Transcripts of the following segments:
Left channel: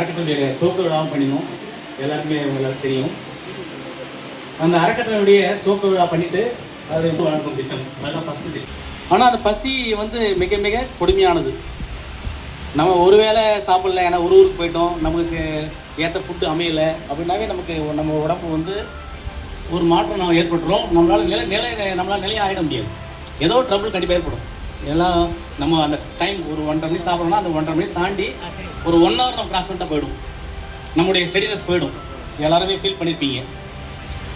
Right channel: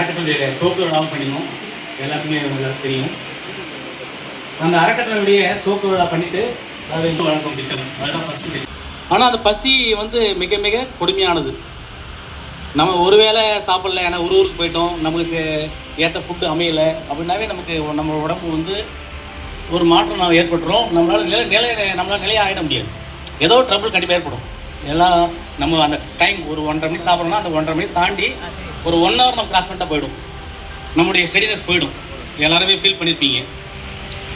அறக்கட்டளை துவக்க விழாவும் பண்ணினோம். எல்லாருக்குமே உங்களுக்கு தெரியும். அந்த அறக்கட்டளையுடைய துவக்க விழா பண்ணிட்டு அது வணக்கம் திட்டம் அதுதான் ஃபஸ்ட்டு. ஆனால் அந்த பசி வந்து மிக மிக கொடுமையானது. நம்ம ஒரு வேளை சாப்பிடல, ஏன்னா ஒரு ஊருக்கு போயிட்டோம், நமக்கு ஏற்ற ஃபுட்டு அமையலை அப்படின்னாவே நமக்கு நம்ம உடம்பு வந்து ஒரு மாற்றம் நம்ம ஏற்பட்டுரும். நம்மளால் நிலையாக ஆகிட முடியாது. ஏதோ ட்ரபிள் கண்டிப்பாக ஏற்படும். எல்லாம் நம்ம அந்த டைம் ஒரு 1:30 மணி சாப்பிட்றோம்னா அந்த 1:30 மணி தாண்டி ஒரு 1 ஹவர் நம்ம கிராஸ் பண்ணிட்டா போயிடும், நம்முடைய ஸ்டடினஸ் போயிடும். எல்லாருமே ஃபீல் பண்ணியிருப்பீங்க.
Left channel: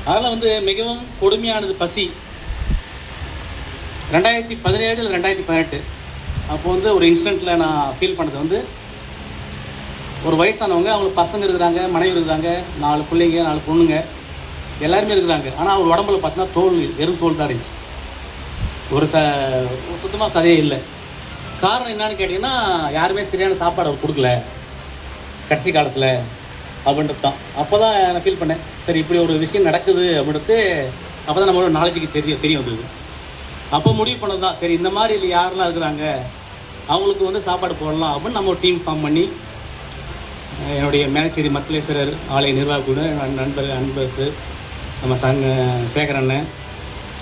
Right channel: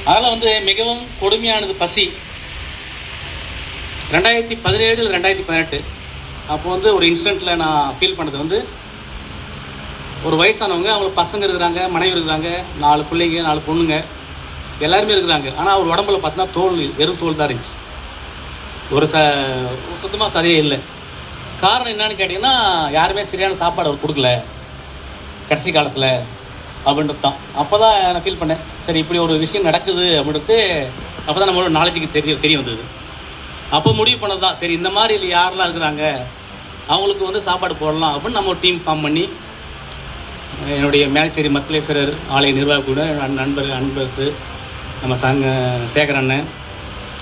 அதனால் வந்து மிகவும் கொடுமையானது பசி. 2017 2018 அப்போ வந்து ஒரு இன்ஸ்டண்ட்டில் நான் ஃபீல் பண்ணது வந்து, ஒரு வயசானவங்க, அவங்களுக்கு பசங்க இருக்கிறாங்க, மனைவி இருக்கிறாங்க, 4 பிள்ளைங்க 4 பொண்ணுங்க எல்லாருமே இருக்கிறாங்க. ஆனால் ஒரு உடம்புல பார்த்தீங்கன்னா தோல், வெறும் தோல் தான் இருந்துச்சு. ஒரு சுத்தமாக சதையே இல்லை. காரணம் என்னன்னு கேட்டிங்கன்னா, யாருமே சரியான சாப்பாடு அவர் கொடுக்கல கடைசி காலத்தில் அப்படின்றது தான். அப்போ தான் நான் ஃபீல் பண்ணேன், சரி இப்படி ஒரு விஷயம் நடக்குது அப்படின்றது அப்போ தான் நம்மளோட நாலேஜுக்கு தெரிய வந்தது. அப்போ முடிவு பண்ணது தான், சரி இந்த மாதிரி இல்லை யாரெல்லாம் இருக்கிறாங்க அவங்களுக்கு வந்து சாப்பாடு போடலாம் அப்படின்னு நம்ம டீம் ஃபார்ம் பண்ணி, என்னுடைய மேலச்சேரி மத்திலேஸ்வரர் ஆலய நிர்வாகியோட நண்பர்ஸு, நம்ம சேகர் அண்ணன்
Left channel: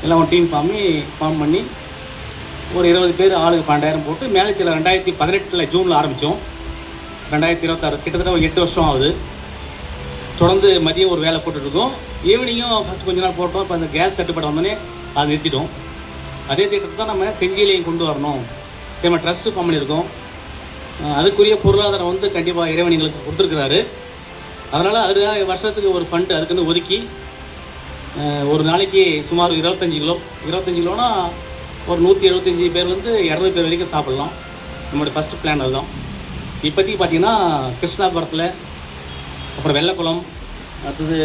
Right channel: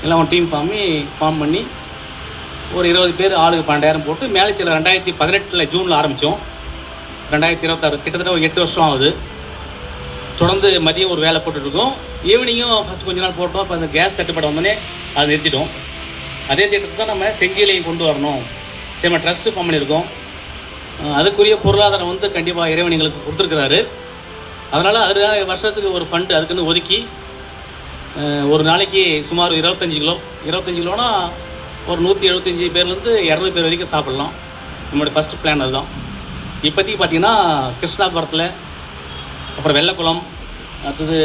எல்லாம் டீம் ஃபார்ம் பண்ணி ஒரு 20 பேர் ஆளுக்கு 12,000 போட்டு மேலச்சேரியில் 2018 ஜூனில் ஆரம்பித்தோம். 2026 கிட்டத்தட்ட ஒரு 8 வருஷம் ஆகுது. தொடர்ந்து மதியம் ஒரு வேலை போட்டுட்ருக்கோம். ஈவினிங்கும் ஃபஸ்ட்டு கொஞ்ச நாள் போட்டோம். இப்போ அந்த கேஸ் தட்டுப்பாடு வந்தோடனே அதை நிறுத்திட்டோம். அதே திட்டத்தை தான் நம்ம செஞ்சியிலையும் கொண்டு வரணும். சரி, நம்ம ட்ரஸ்ட்டு ஃபார்ம் பண்ணியிருக்கோம். அதுக்குரிய பொருளாதாரம் வந்து கண்டிப்பாக இறைவன் எங்களுக்கு கொடுத்துருக்குறாரு. அதனால் அதுக்காக வருஷத்துக்கு ஒரு ஃபண்டு அதுக்குன்னு ஒதுக்கி ஒரு நாளைக்கு சுமார் 25 கிலோனா ஒரு 175 பேர்லேருந்து 200 பேர் வரைக்கும் சாப்பிட்லாம். நம்மளோட ஃபஸ்ட்டு பிளான் அதுதான். இப்போதைக்கு பார்த்திங்கன்னா கிருஷ்ணாபுரத்தில், அப்புறம் வெள்ளக்குளம், அடுத்தது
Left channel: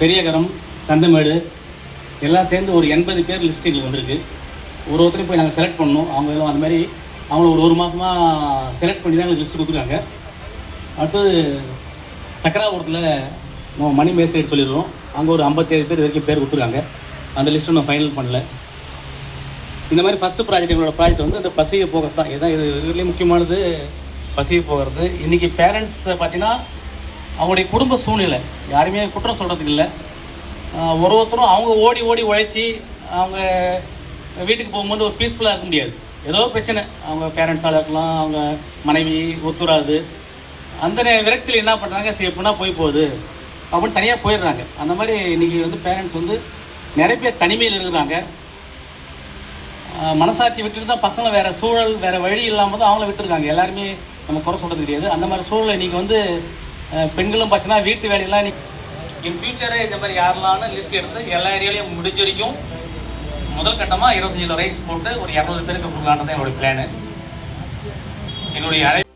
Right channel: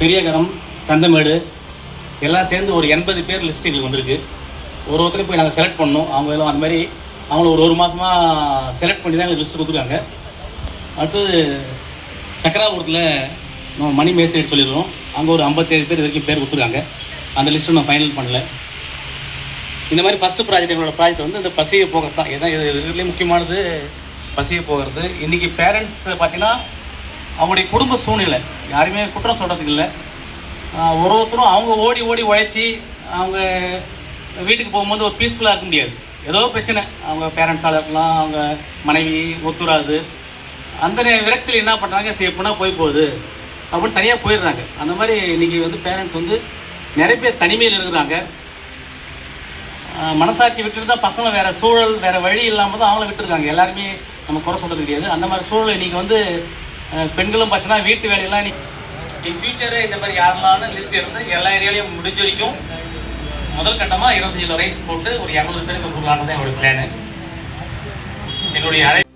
பெரியகரம், சந்தமேடு எல்லாம் சேர்ந்து ஒரு 80 பேர் லிஸ்ட் எங்களுக்கு வந்திருக்கு. ஒருத்தரையும் போய் நாங்கள் செலக்ட் பண்ணோம். அவங்க எல்லாம் அந்த மாதிரி அவங்கள ஒரு மாதமாக செலக்ட் பண்ணி தான் எங்களுக்கு லிஸ்ட்டு கொடுத்துருக்காங்க. அடுத்தது சக்கராபுரத்தில் நம்ம மணி மேஸ்திரி சொல்லிடுறோம். அங்கே ஒரு 57 பேர் வரைக்கும் பேர் கொடுத்துருக்காங்க. அந்த லிஸ்ட்டு நான் ஃபைனல் பண்ணல. இந்த மாதிரி ஃபஸ்ட்டு ப்ராஜெக்ட், எங்களோட ப்ராஜெக்ட் வந்து இந்த பசியை போகிறது தான். ஏன்னா இது இதுலேயே முக்கியமானது பசியை போகிறது. இன்றைக்கி பேரண்ட்ஸ் பார்த்திங்கன்னா அவங்களுடைய குடும்ப சூழ்நிலை யாருமே குற்றம் சொல்கிறதுக்கு இல்லை. ஒருத்தரும் அவங்க ஓடி உழைச்சி அவங்க வீட்டுக்கு போகும்போது ஒரு பீஸ்ஃபுல்லாக இருக்க முடியாது. ஏதோ பிரச்சனை, அவங்க பேரண்ட்ஸால் இருக்கலாம், அவங்க மனைவி ஒத்துறாது. அந்த விரக்தியில் என்ன பண்ணுறாங்க, சரி எப்படின்னா போகுது அப்படின்னு தனியாக போயிடுறாங்க. அந்த மாதிரி இன்றைக்கி வந்து பேரண்ட்ஸ் வந்து நிறைய பேர் தனிமையில் இருக்கிறாங்க. மனசாட்சி விட்டுட்டு தான் பசங்களை வேறு சூழல், வேறு வழி இல்லாமல் தான் அவங்கள விட்டுருக்காங்க. எல்லாருமே நம்ம குறை சொல்கிறது கிடையாது. அந்த மாதிரி சூழல் இன்றைக்கி வந்து பெண்களும் பார்த்தீங்கன்னா வீட்டு வேலையெல்லாம் இன் ஃபியூச்சரு இந்த மாதிரி யாரெல்லாம் லிஸ்ட் இருந்து எல்லா ஏரியாலையும் முடிஞ்ச வரைக்கும் முதல் கட்டமாக 25 கிலோ ரைஸ் போட்டு ஒரு 200 பேருக்கு கொடுக்கலான்னு தான் என்னுடைய பிளானு. என்னுடைய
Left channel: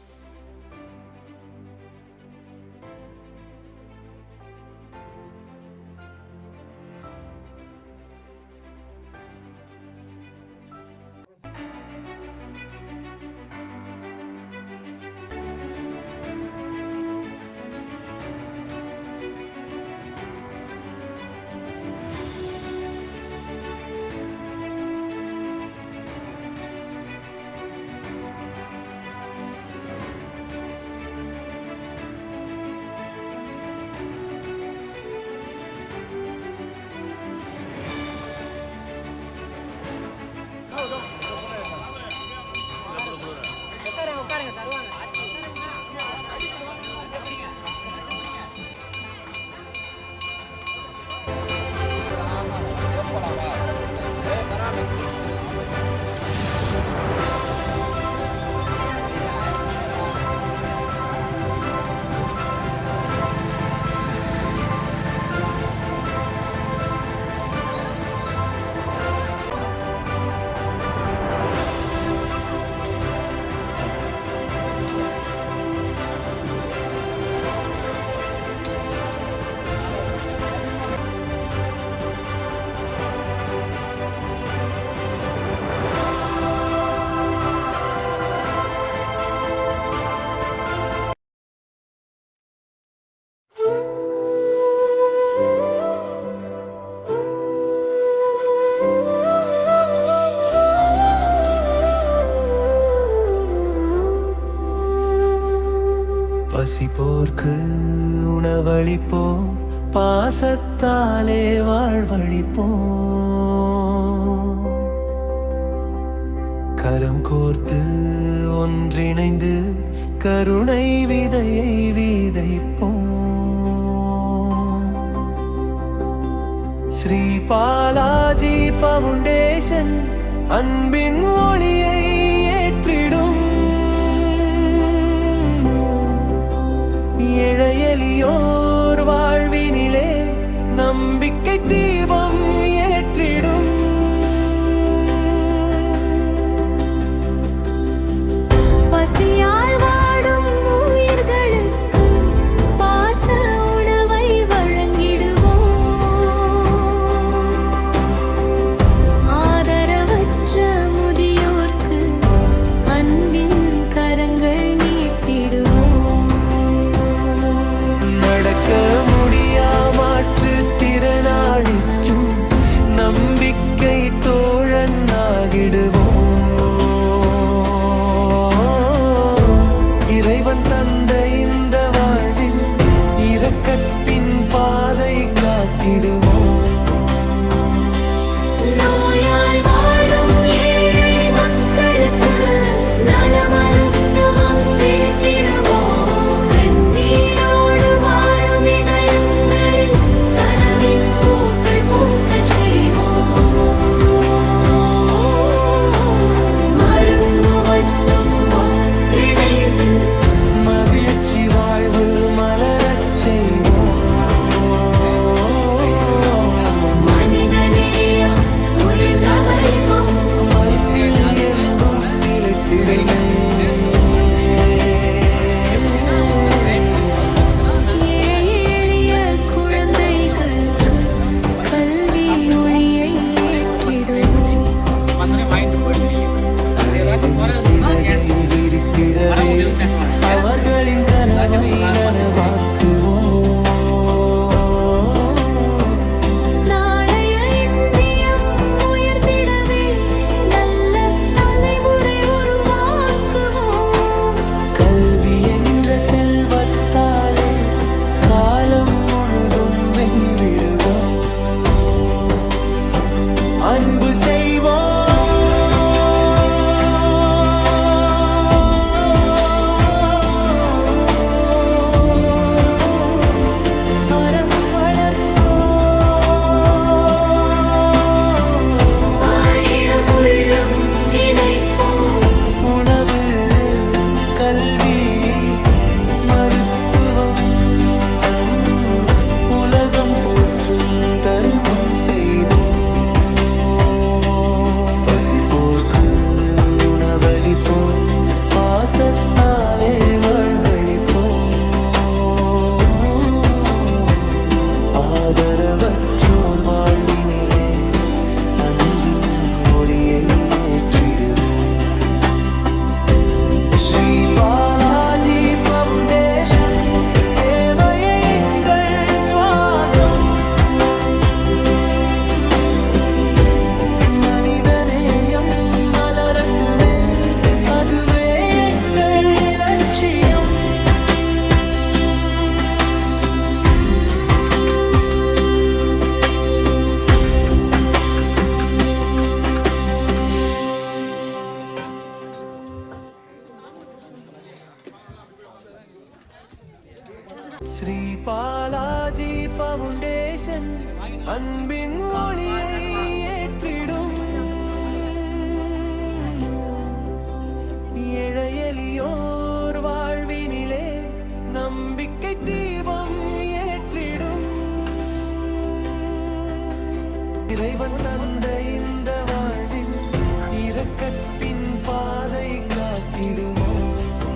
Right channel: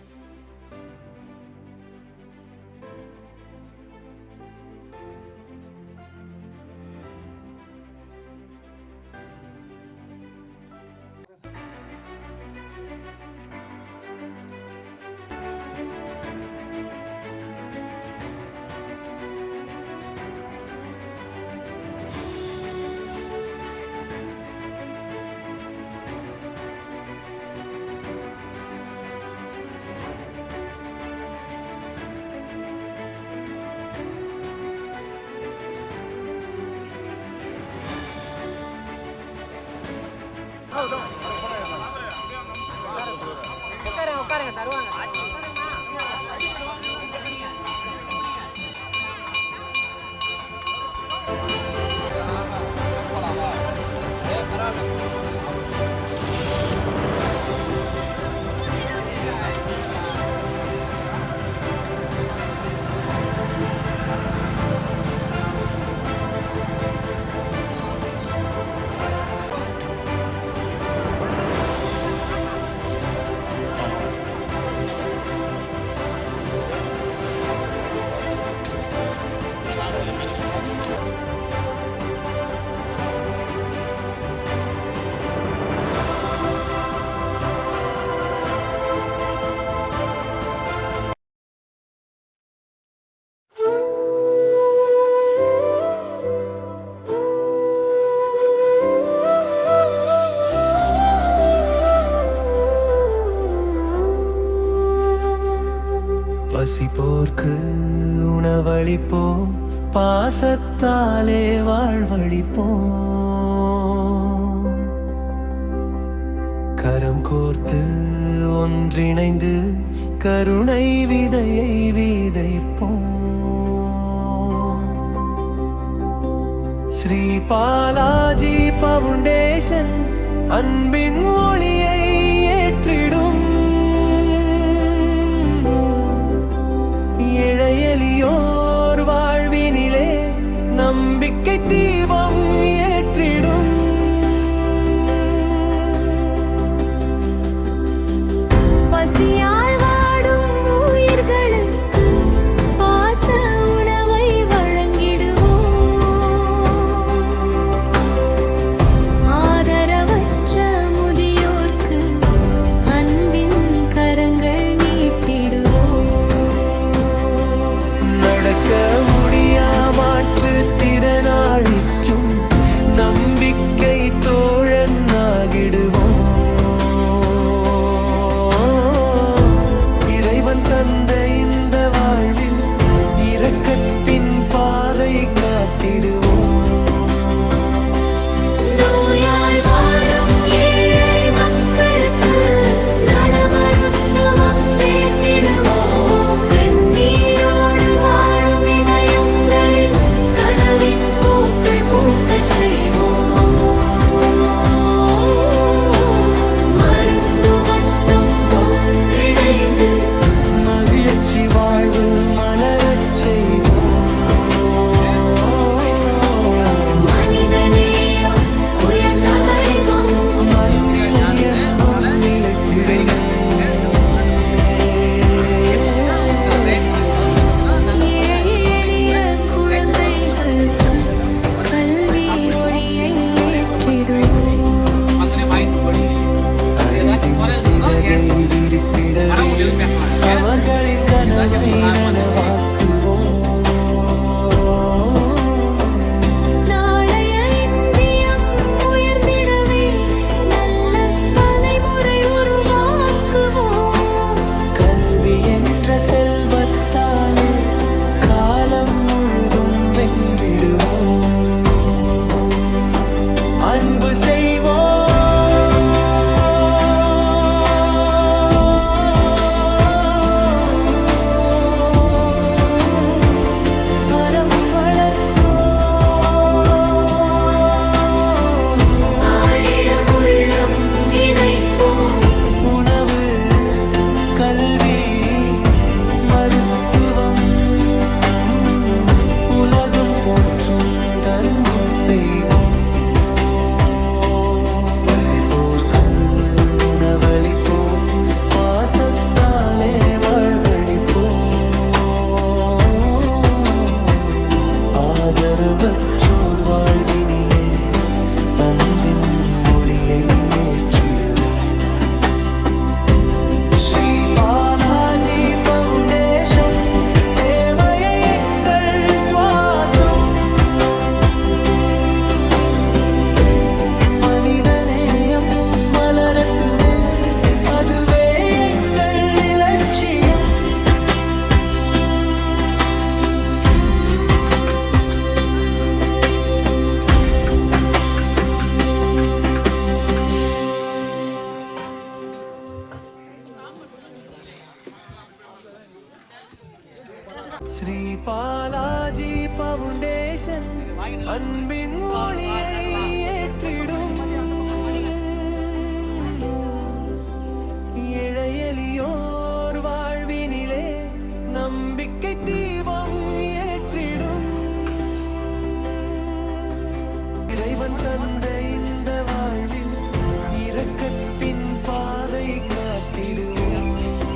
உட்காருங்க தருவாங்க. பசிப்போர்க்கு உணவளிப்போம், பாசத்தாலே வாழ்வழிப்போம். கரம் கோர்த்து ஒன்றிணைந்து கருணை விதையை விதைப்போம். ஸ்ரீ பாலாஜி பவுண்டேஷன் அன்பின் ஒளியை ஏற்றிடும். எளியோர் வாழ்வினிலே நம்பிக்கை தீபம் ஏற்றிடும். பசியால் வாடும் உயிர்களுக்கு பாச உணவை வழங்கிடுவோம். ஆதரவற்ற முதியோர்க்கு அன்பின் கரங்கள் நீட்டிடுவோம். நடக்க முடியா மாற்றுத் திறனாளிக்கும் நம்பிக்கை தோழன் ஆகிடுவோம். இறைவன் தந்த இந்த வாழ்வில் இரக்கத்தின் பாதை காட்டிடுவோம். நோயால் வாடும் ஏழை மக்களுக்கு நல மருத்துவம் சேர்த்திடுவோம். கண்ணீரோடு வாழும் இதயங்களில் கனவின் பூக்கள் பூக்கச் செய்வோம். மருந்து மட்டும் ஒன்றிணைந்து மகிழ்ச்சி வாழ்வு மலரச் செய்வோம். மனிதநேயம் உயர்ந்த வைபம் மண்ணில் என்றும் நிலைத்திடுமே. ஏழை எளிய குழந்தைகளுக்கு கல்வி ஒளியை ஏற்றிடுவோம். வாங்கிட்டு போயிடுங்க. அறிவின் சிறகை விரித்திடவே அவர்களின் கனவை நனவாக்குவோம். நாளைய இந்தியம் உயர்ந்திடவே நல்ல தலைமுறை உருவாக்குவோம். கல்வி என்ற செல்வத்தாலே காலம் முழுதும் வென்றிடுவோம். அன்பு செய்வோம். அறம் வளர்ப்போம். ஆயிரம் உள்ளம் இணைப்போம். உணவு, கல்வி, மருத்துவம், உலகம் போற்றும் தர்மம் செய்வோம். பசிப்போர்க்கு உணவளிப்போம், பாசத்தாலே வாழ்வழிப்போம். ஆதரவற்றோர் வாழ்வினிலே அன்பின் ஒளியை ஏற்றிடுவோம். ஸ்ரீ பாலாஜி பவுண்டேஷன் சேவையை எங்கள் சுவாசம். மனிதநேயம் மலரட்டுமே, அதுவே எங்கள் இலட்சியம். பாலாஜி பவுண்டேஷன் அன்பின் ஒளியை ஏற்றிடும் ஏழை எளியோர் வாழ்வினிலே நம்பிக்கை தீபம் ஏற்றிடும் இறைவன் தந்த இந்த வாழ்வில் இரக்கத்தின் பாதை காட்டிடுவோம்.